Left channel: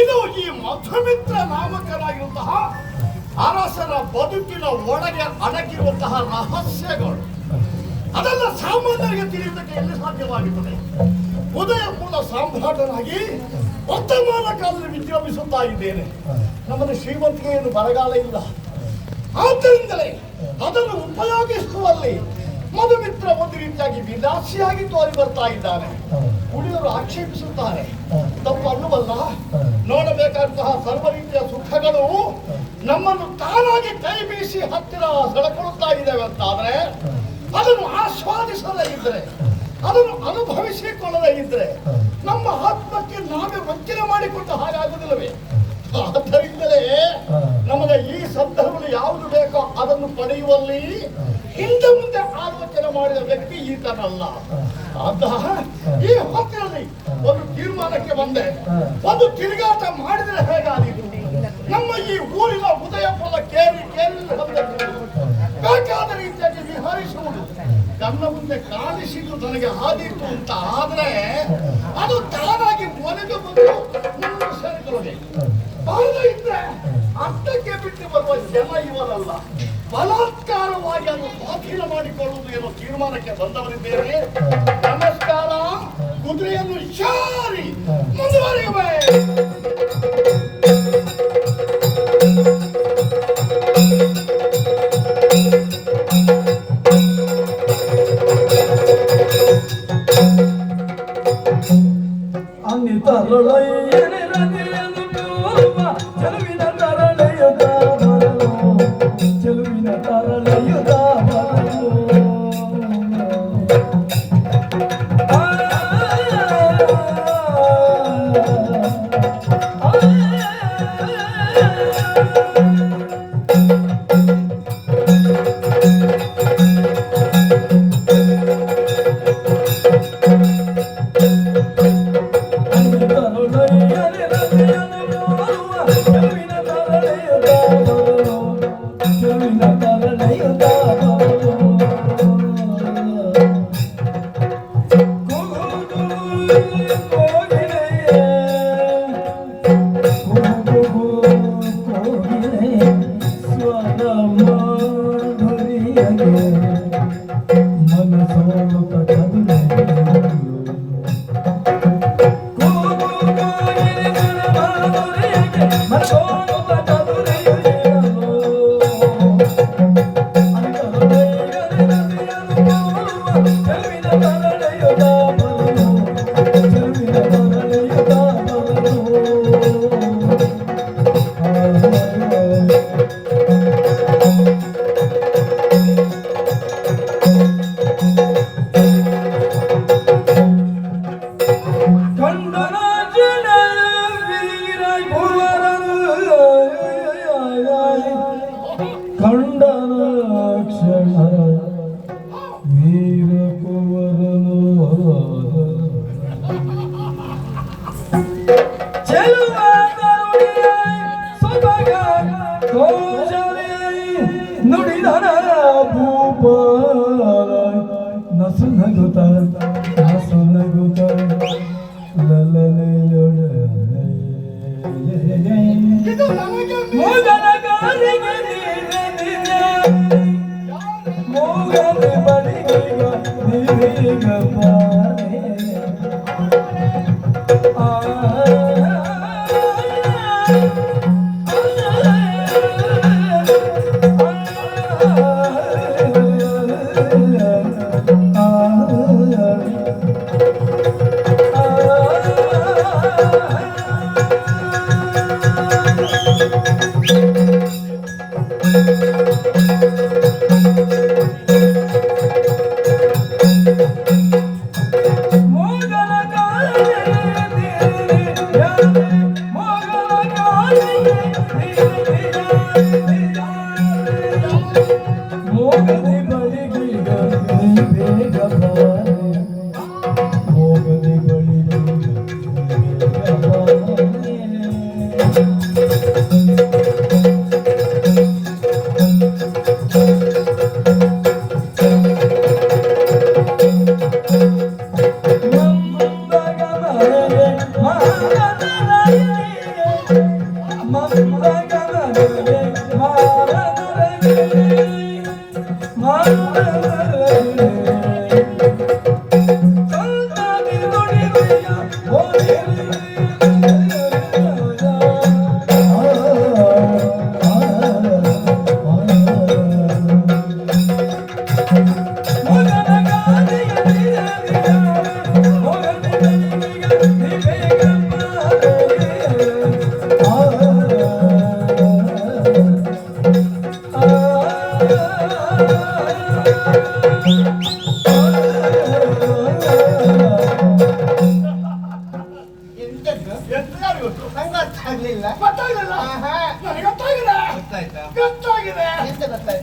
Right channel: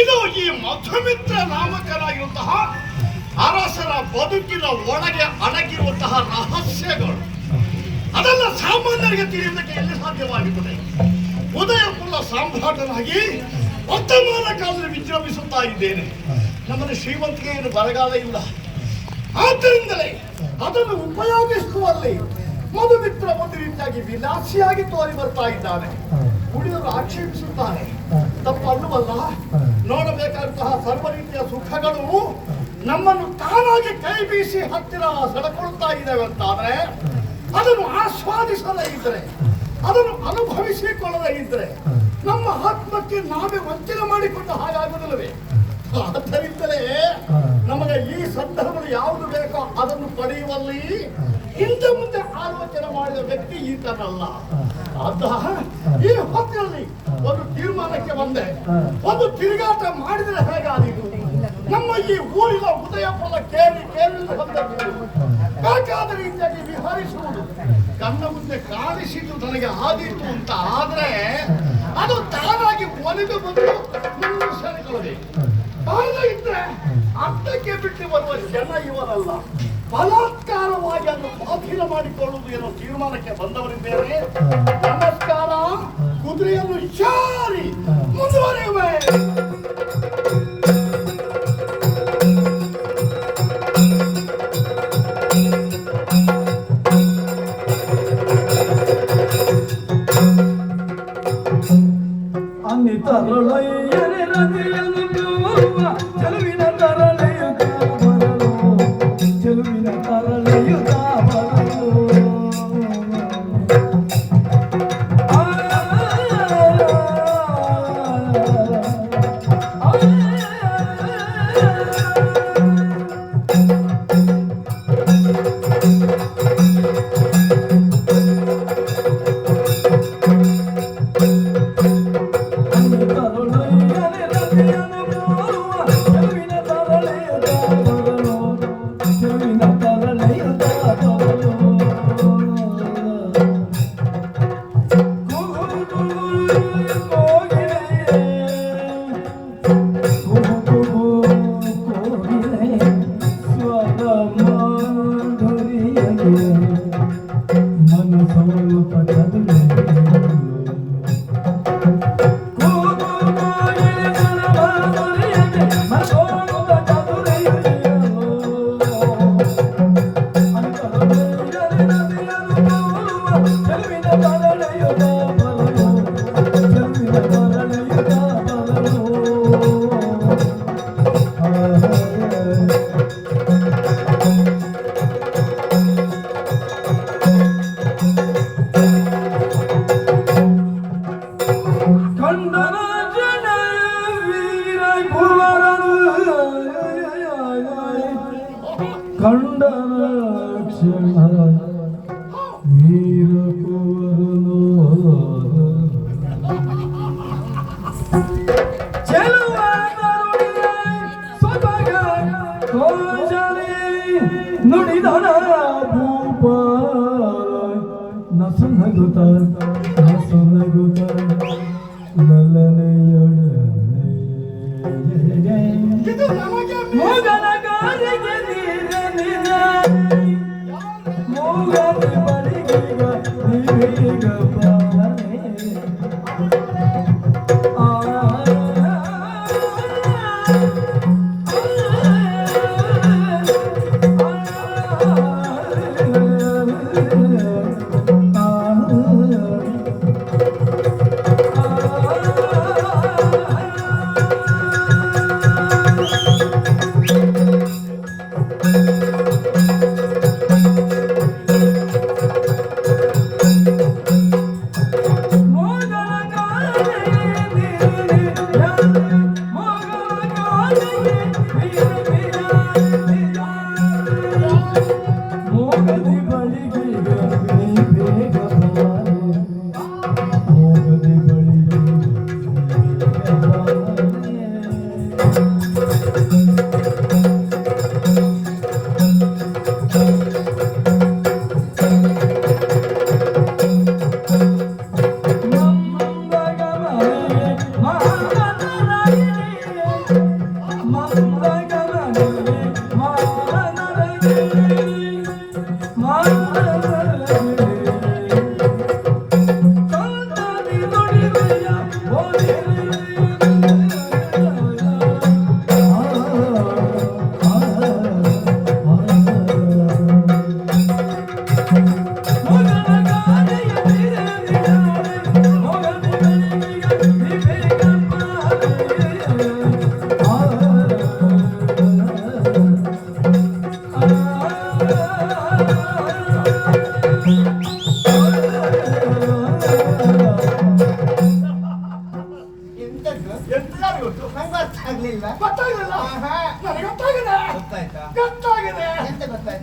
ಇದು ಈ ಮಧುಮಿತ್ರ ನಾಮಕರಾಗಿರುವಂತಹ ಅರಸನ ಬದುಕಿನ ಒಳಗೆ ಅಡಗಿರುವಂತಹ ರಹಸ್ಯಗಳು. ಅದೆಲ್ಲ ಸಾಮಾನ್ಯರಿಗೆ ತಿಳಿಯುವುದಕ್ಕೆ ಎಲ್ಲಿ ಸಾಧ್ಯವಾಗುತ್ತದೆ? ಉದಯಪುರ ಸಾಮ್ರಾಟನಾಗಿ ವರ್ತಮಾನ ಕಾಲದಲ್ಲಿ ವಿಜೃಂಭಿಸುತ್ತಾ ಇದ್ದೇನೆ. ನಮ್ಮಲ್ಲಿ ಶ್ರೀಮಂತಿಗೆಯನ್ನು ಬರಗಾಲ ಇಲ್ಲ. ಆದ್ದರಿಂದಲೇ ಅದನ್ನು ಉಪಯೋಗಿಸುವಲ್ಲಿ ಮಧುಮಿತ್ರ ಒಂದು ರೀತಿಯಾಗಿ ವಿಲಾಸಿಯಾಗಿ ತೋರಿ ಬರ್ತಾ ಇದ್ದಾನೆ. ಉಳಿಯವರು ಆಕ್ಷೇಪಿಸುತ್ತಾರೆ, ತಪ್ಪಲ್ಲವಲ್ಲ. ನೋಡಬೇಕಾದಂತಹ ಸರ್ವ ರೀತಿಯ ಸುಖಗಳು ನಮ್ಮನ್ನು ತಾನಾಗಿ ಕೈ ಬೀಸಿ ಹತ್ತಿರ ಸೆಳೆಕೊಳ್ಳುತ್ತಾ ಇದ್ದಾವೆ ಅಂತಾದ್ರೆ, ಅದನ್ನು ಆಸ್ವಾದಿಸದೇ ಇದ್ರೆ, ಅದನ್ನು ಅನುಭವಿಸಿಕೊಳ್ಳದೇ ಇದ್ರೆ ನಮ್ಮ ಆತ್ಮಕ್ಕೆ ನಾವೇ ವಂಚನೆ ಮಾಡಿಕೊಂಡ ಹಾಗಾಗುವುದಿಲ್ಲವೇ? ಆದ್ದರಿಂದಲೇ ನಮಗೆ ಈ ಸಂದರ್ಭದಲ್ಲಿ ಯಾವುದು ಬೇಕೋ ಅದನ್ನು ಪಡೆಯುವಲ್ಲಿ ಹಿಂದೆ ಮುಂದೆ ಆಲೋಚನೆ ಮಾಡಿದ ವ್ಯಕ್ತಿ ಈತನಲ್ಲ. ಈ ಹೊತ್ತಿನಲ್ಲಿ ಒಂದು ತೀರ್ಮಾನಕ್ಕೆ ಬಂದೆ. ಒಂದು ತಿರುಗಾಟ ಮಾಡಿದರೆ ಹೇಗಾದೀತು? ನಮ್ಮ ಈ ಊರಿನ ಉದಯಪುರದ ಕೇರಿ ಬೇಕಾದ ರೀತಿಯಾಗಿ ವಿಹರಿಸುವುದು ಕಣ್ಣ ಮುಂದೆ ಕಾಣಿಸಿದ್ದು ನನಗೆ ಆದೀತು ಅಂತ ಆದ್ರೆ, ಅದು ತಾನಾಗಿ ಒಲಿದು ಬಂದು ನಮ್ಮನ್ನು ಸೇರಿಕೊಳ್ಳಬೇಕು. ಬಾಳ ಇದ್ರೆ ಅರ್ಥಕ್ಕೆ ಬಿಟ್ಟು ಬರುವ ಜನ ಇವರಲ್ಲ. ಬಲಾತ್ಕಾರವಾಗಿ ಅದನ್ನು ಸ್ವಾಧೀನ ಮಾಡಿಕೊಳ್ಳುವುದು ಏನೋ ತೀರ್ಮಾನಕ್ಕೆ ಬಂದವರಿದ್ದೇವೆ. ನಮಸ್ಕಾರ. ಕುದುರೆಯನ್ನು ಶಾರಿ ಮುಂದುವರಿಯುವೆ. ಇದು ನನಗೆ ಮೋಗನ ಕಾಲಿಗೆ ನೀರೆ ನಿಜ ಮೋಗನ ಬಳಿಗೀಗ ನೀವೀಗ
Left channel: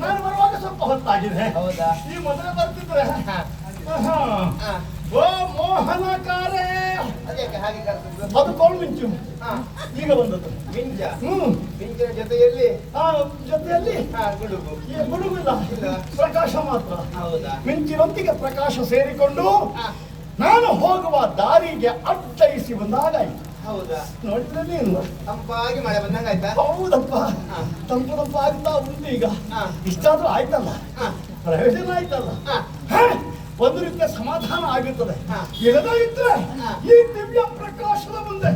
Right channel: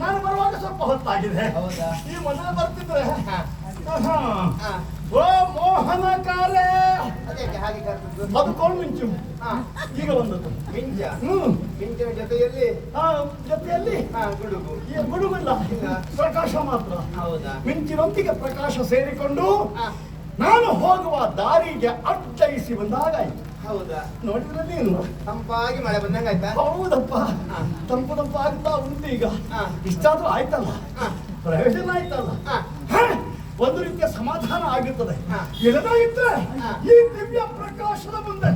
ನಾನು ಬರುವಾಗ ಸ್ವಲ್ಪ ಹೊತ್ತಾಗಿದೆ. ಈ ಮೊದಲೇ ಬರ್ತಿದ್ರೆ ಓ ಮೋಹನಕಾರೇ ಬದುಕೋಳು ಮಿಂಚು ಈಗ ಬಂದದ್ದು ಮಿಂಚ. ಮಿಂಚಿನ ಜೊತೆಯಲ್ಲಿ ಜೊತೆಯಲ್ಲಿ ಗುಡುಗು ಇಲ್ಲ, ಪ್ರಕಾಶ ಮಾತ್ರ. ಹೌದಾ? ಮಿಂಚಿನೊಂದಿಗೆ ಪ್ರಕಾಶ ಸೇರಿಕೊಂಡು ನಾನು ಹೋಗುವ ದಾರಿಗೆ ಅಡ್ಡಯಿಸಿ ಬಂದಾಗಾಯ್ತು. ಹೌದಾ? ನೋಡಿದ್ರೆ ನೀನು ತಂಪಾಗಿ ಮಳೆ ಬಂದಂಗ ಆಯ್ತಾ? ಹೌದಪ್ಪ, ತಂಪು ಆಗ್ತಾ ಉಂಟು. ಈಗ ಇಷ್ಟಾದ್ರೂ ಆಯ್ತಲ್ಲ, ಪ್ರಯೋಜನ ಆಯ್ತಲ್ಲ, ಒಂದು ರೀತಿಯ ಸಮಾಧಾನ ಆಗುತ್ತದೆ. ಇಲ್ಲದ ಇದ್ರೆ ಈ ದಿವ್ಯ ಪ್ರಕಾಶದ ಮುಂದೆ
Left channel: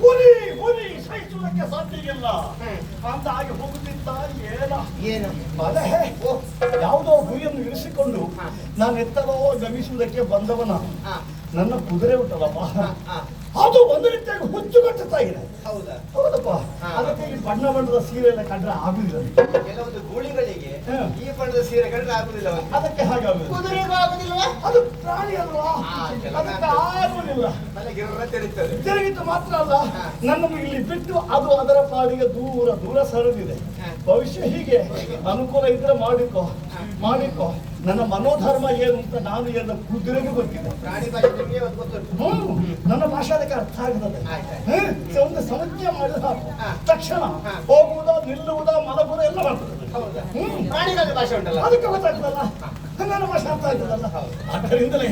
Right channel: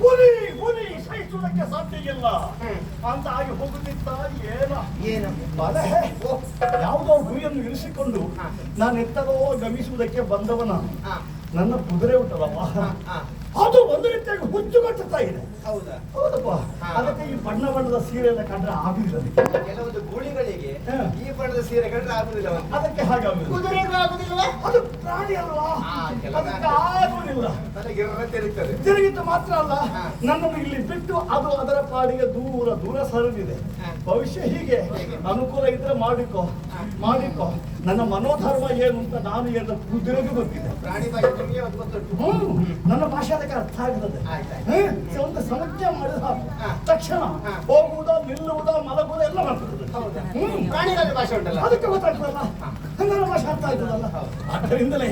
ಹುಲಿ ಹುಲಿ ಸಹಿಸುವುದಕ್ಕೆ ಸಾಧ್ಯ ಇಲ್ಲ ಅಂತ ಆಗಿ ಹೋಗುತ್ತಿದ್ದ. ಏನು ಬಲೆ ಯಾವುದೋ ಗುರಿಯನ್ನು ಇರಿಸಿಕೊಂಡು ನಾನು ಎತ್ತರೋ ಗಮಿಸುವುದಕ್ಕೆ ಬಂದವನ ನನ್ನ ಕುದುರೆ ಉಂಟಲ್ಲಪ್ಪ, ಅದು ಒಂದು ರೀತಿಯಾಗಿ ಹುಚ್ಚುಗಟ್ಟುತ್ತಾ ಇದೆ. ಹೌದಾ? ಹೌದಪ್ಪ. ಅದಕ್ಕೆ ಈ ಬಣ್ಣ ಬಣ್ಣದ ಸೀರೆ ಎಲ್ಲ ಕಂಡ್ರೆ ಆಗುದಿಲ್ಲ. ಕೆಲವೊಂದು ಗೂಳಿಗಳಿಗೆ ಈ ಬಣ್ಣದ ಸೀರೆ ಕಂಡ್ರೆ ಆಗುದಿಲ್ಲ. ಅದಕ್ಕೆ ಹಾಗಾಗುದಿಲ್ಲ. ಕುದುರೆಗೂ ಆಗುದಿಲ್ವಾ? ಅದು ಪ್ರಾಣಿ ಅಲ್ವಾ, ಅದಕ್ಕೆ ಆಗುದಿಲ್ಲ. ತಿರುಗಿತು ಮಾತ್ರ ಅಲ್ಲ, ನನ್ನನ್ನು ಇಲ್ಲಿ ಬಿಟ್ಟು ಅದು ಅದರ ಪಾಡಿಗೆ ದೂರ ದೂರ ಸರಿದಿದೆ. ಭವಿಷ್ಯ ಹೀಗೆ ಅನುಕೂಲ ಇದ್ರೆ ಮಾಡಿಕೋ ಮಾಡಿಕೋ. ನನ್ನ ಮನೋಧರ್ಮ ಏನು ಅಂತ ನಾನು ಏನು ಕುದುರೆಗೆ ಗೊತ್ತಿದೆ. ಪ್ರಾಣಿ ಭಾಷೆ ನನ್ನ ಭಾಷೆ ಅದಕ್ಕೆ ಅರ್ಥ ಆಗ್ತದೆ. ಒಂದು ಸಂಖ್ಯೆ ಮಾಡಿದ ತಕ್ಷಣ ಹೋಗುವುದ ನಿಲ್ಲುವುದ ಮಲಗುವುದ ಎಲ್ಲ ಮಾಡ್ತದೆ. ಪ್ರಾಣಿಗಳ ಭಾಷೆ ಉಂಟಲ್ಲ, ಅದಕ್ಕೆ ಗೊತ್ತಾಗ್ತದಲ್ಲ, ನನ್ನ ಭಾಷೆ ಅರ್ಥ ಆಗ್ತದಲ್ಲ. ಅದರಿಂದಲೇ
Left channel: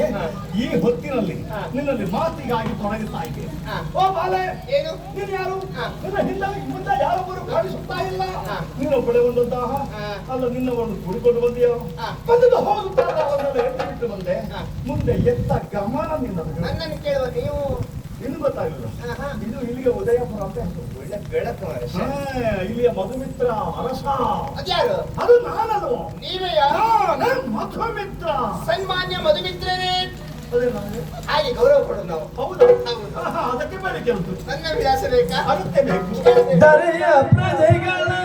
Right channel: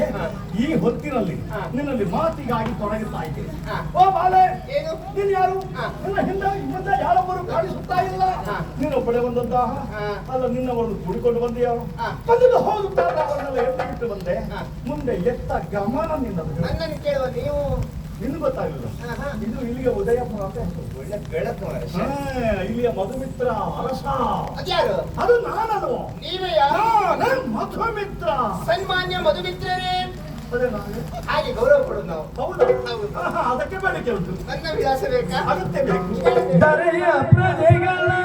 ಈ ಹೊತ್ತಿನಲ್ಲಿ ನಿನ್ನಲ್ಲಿ ಮಾತಿಗಾಗಿ ತೊಡಗುತ್ತಾ ಇದ್ದೇನೆ. ಓ ಬಾಲೆ, ಏನು ನೀನು ಯಾರು? ನಿನ್ನ ಹಿಂದೆ ಮುಂದೆ ಯಾರೊಬ್ಬರು ಕಾಣಿಸುತ್ತಾ ಇಲ್ಲ. ನಿನ್ನೊಬ್ಬಳೆ ಬಂದಂತಹ ಅಲ್ಲ, ನಿನ್ನವರನ್ನು ಕೂಡಿಕೊಂಡು ಬಂದೆಯೋ? ಬಂದು ಹೋಗುತ್ತಾರೆ, ಅವರನ್ನೆಲ್ಲ ಎತ್ತು ಬಿಟ್ಟು ಬಂದೆ. ಮುಂದೆ ಎತ್ತ ಗಮನ ನಿನ್ನದು. ನನ್ನನ್ನು ಕೇಳುವ ನೀವು ಇನ್ನು ಗೊತ್ತಾಗಲಿಲ್ಲ. ಇದು ಇಲ್ಲಿಗೆ ಉದಯಪುರ ಅಂತ ಹೆಸರು. ಒಳ್ಳೆ ಬೆಳಕು. ಇಲ್ಲಿಯ ಮಧುಮಿತ್ರ ಅರಸ. ಅದ್ಯಾರು? ಅದು ನಾನಲ್ವ? ನೀವೇ? ನಾನು ಮಧುಮಿತ್ರ, ಸನ್ಮಾನ್ಯ ಮಧುಮಿತ್ರರೇ. ಅದೇ ನಾನು ಹಾಗೆ ಗೌರವ ಕೊಡೋದು ನಾವು. ಹೌದಾ? ಅದಕ್ಕೆ ಬೇಡಿಕೆ ಉಂಟು. ನನ್ನ ವಿಳಾಸ ಬೇಕಾ? ಅಗತ್ಯ ಬೇಕು. ದರೆಯ ಪ್ರಜೆಗಳ